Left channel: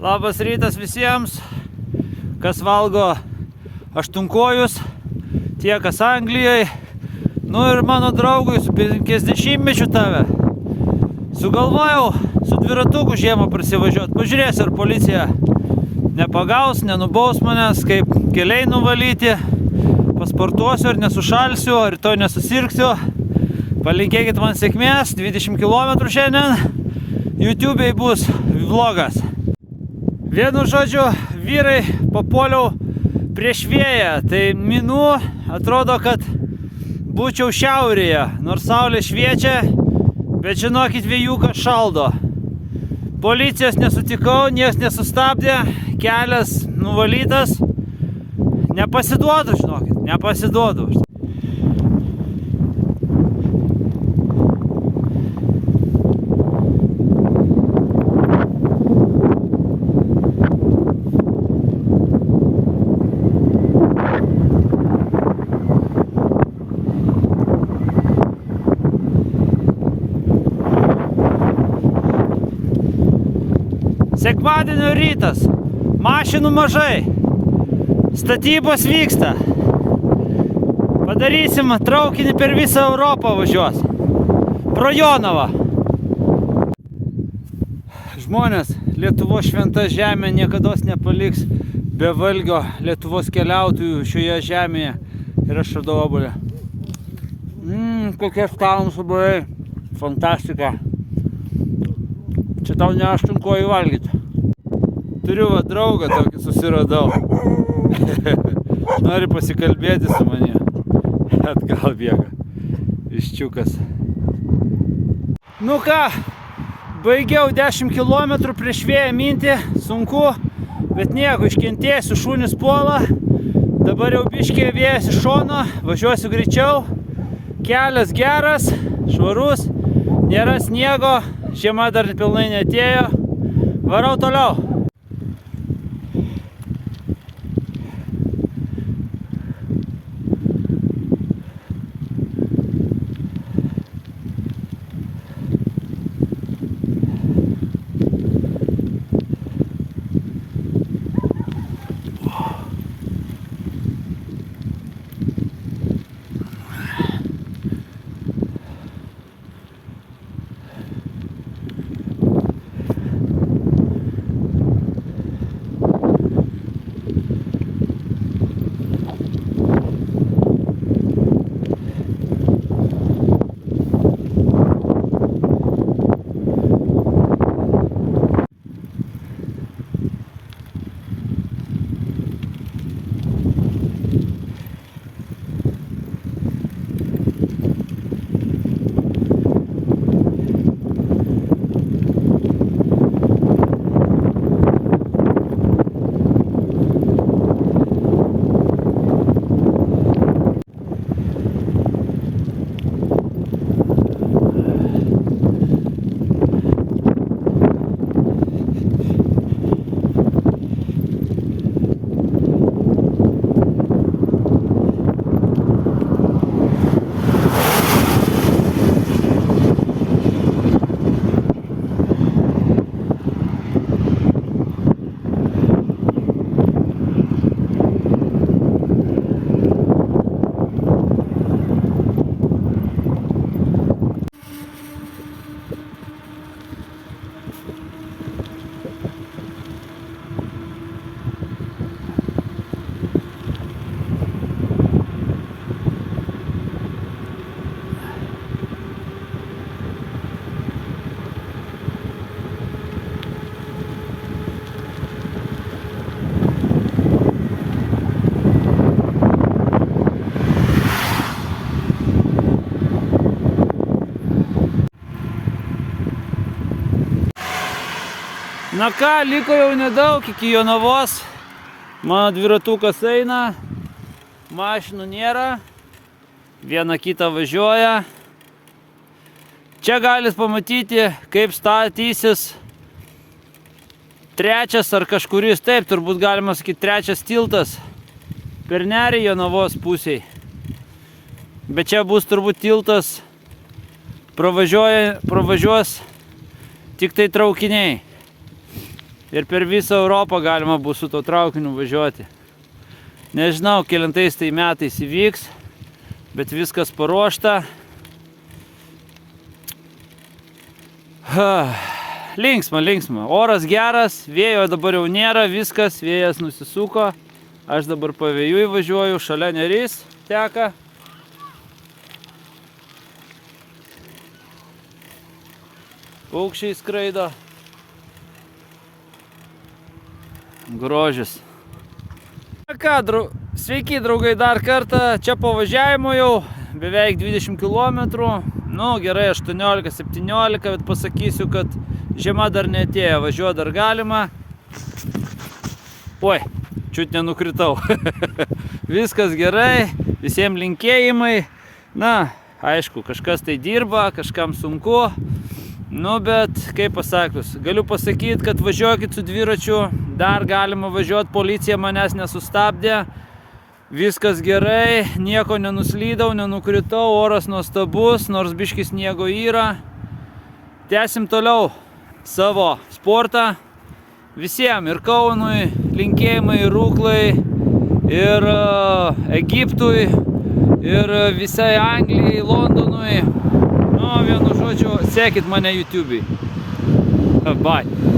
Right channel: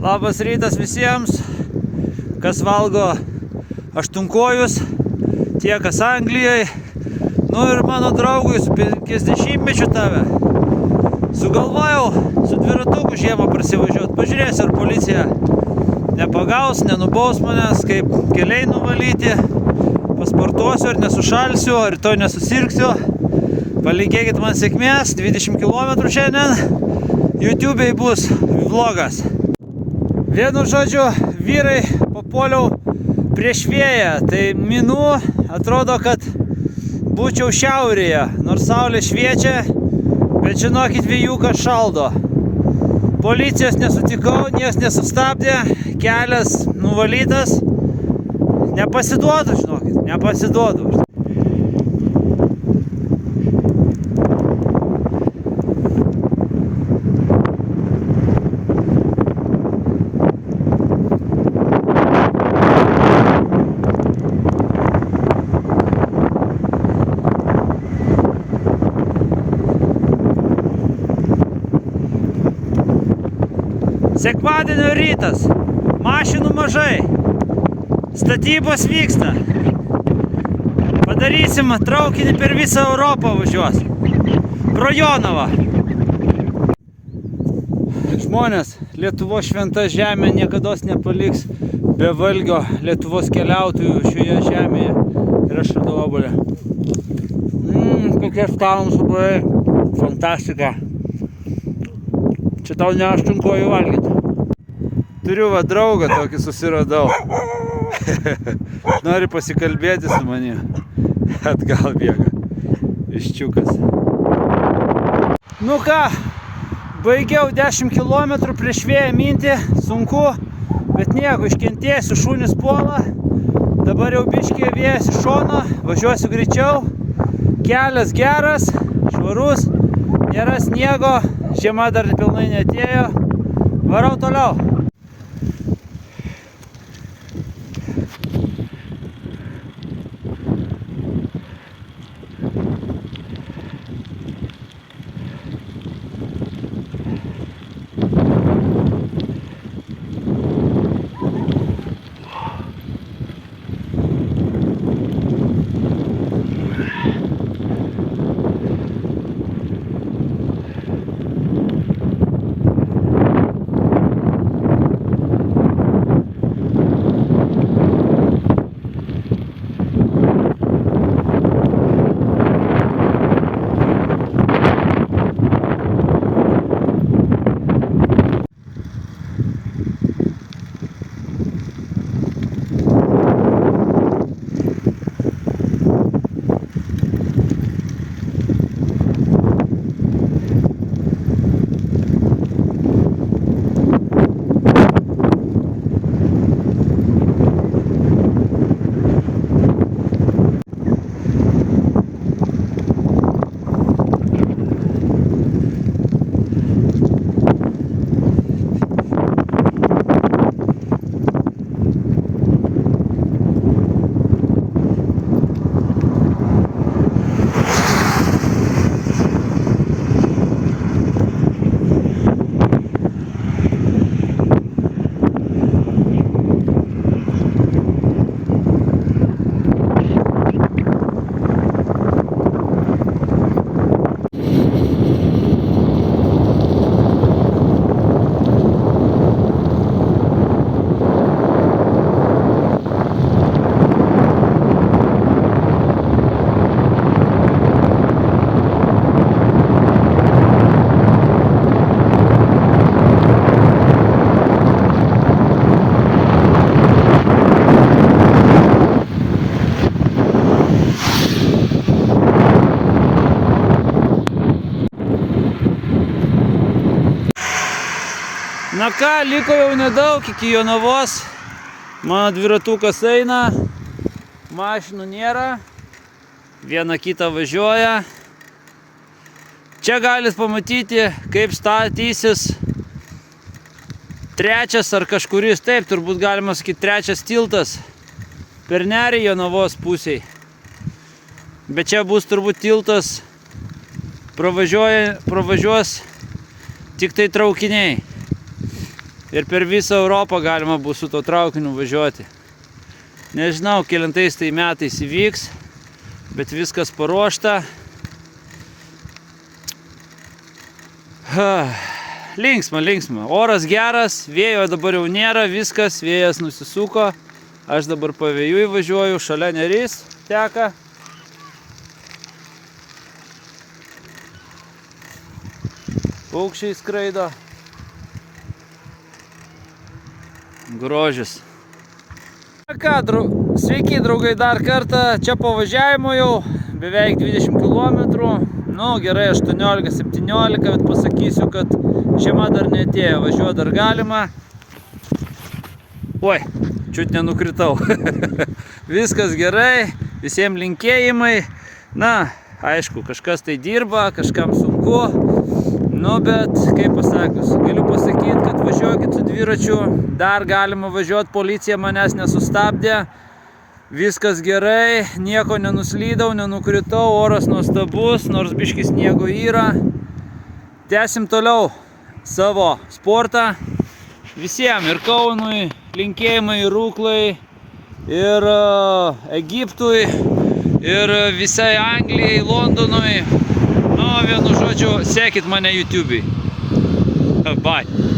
Labas rytas visiems, kas valgo aštunkojus, tie kas Anglijoje. Nu ir mano draugui su 50-mečiu tave. Sugalvojau su dviratuku žiemą prasivažiuoti. Pažiūrėsiu, ar policija nepagaus, nenubaus manęs, kaip keliai nuvalyti. Pasportuosiu, ar nesušalsiu, ar rytoj nesusirgsiu. Palinkėkit man sėkmės, 20 km šiandien. YouTube'ai bus vlogas. Vienu žodžiu, vyrai, papuoliau prieš vėją. Tai minų atrodo, kad būčiau šiaurėje, nors saulė šviečia, bet žinokit, vėjukas šaldo. Policijos nesutikau, nieks nesustabdė, kelias nuvalytas. Nepasiduodu, žinokit, nepasiduodu. Sekmadienio rytas, mašinų mažai, statybos vyksta. Padarysim traukinį per visą Europą važiuos. Pro Jonavą. Žmonės, Lietuvos šventa žemė niekados nepaliks be valgio Lietuvos keliautojų šioje žemėje. Ir aš radau obuolį. Kokie skanūs obuoliai. Fantastika. Čia tau ne aštunkojų valgyti. Turiu va draugą tokį susiradau. Nori pasikalbėti su manimi. Atgal bėga. Iščiukas. Nu ką, baigiau 10 km prieš vėją minti. Sunku, bet nieko, iškentėsiu, šunys puola. Dabar jau biškė vėjas iš šono. Važiuosiu greičiau. Kelias geras, švarus. Nėra sniego. Žiema dar pilnai neatėjo. Varau toliau. Na ką, liko jau nedaug iki Jonavos. Mano dviratukas eina, mašinų nėra, viena kita važiuoja. Čia galit pamatyti, kaip statysis trečias ar kažkuris, taip, turbūt galima sakyti, trečias tiltas per nerį Jonavos pusiai. Bet čia bus turbūt tiltas, pravažiuos tik tai traukiniai. ir per visą Europą galima bus su to traukiniu važiuoti. Nežinau, kelintais tai metais įvyks, bet viskas paruošta. Linksma, linksma. Oras geras, vėjo dabar jau nėra, viskas, vėjas nusisuko. Aš dabar pavėjui važiuoju, šalia Neris teka. Paukščiai skraido. Grožis. Ką, sveiki draugai dar kartą, čia po važiavimo jau beveik 20 km, nu gerai 18-17, bet pasakysiu, kad žiema dar neatėjo, važiuoti dar galima. Oi, čiut nenukritau. Viskas gerai, visiems linkėjimai. Na, aišku, kažkas tai dirba, kažkam sunku. Nu, bet, kaip pasakius, galiu pasakyti, kad važiuokit su dviračiu, dar galima važiuoti, policija manęs nesustabdė, viskas gerai, nieko nenuslydau, nenukritau, oras nuostabus, nors biškis sniego yra. Tęsim toliau savo sportą, visiems ir Kaunui, linkėjimai ir Rūklai, ir Egiptui, ir visai Anglijai, Londonui. Nu, vienu žodžiu, sekit mane YouTube'ai. Bye.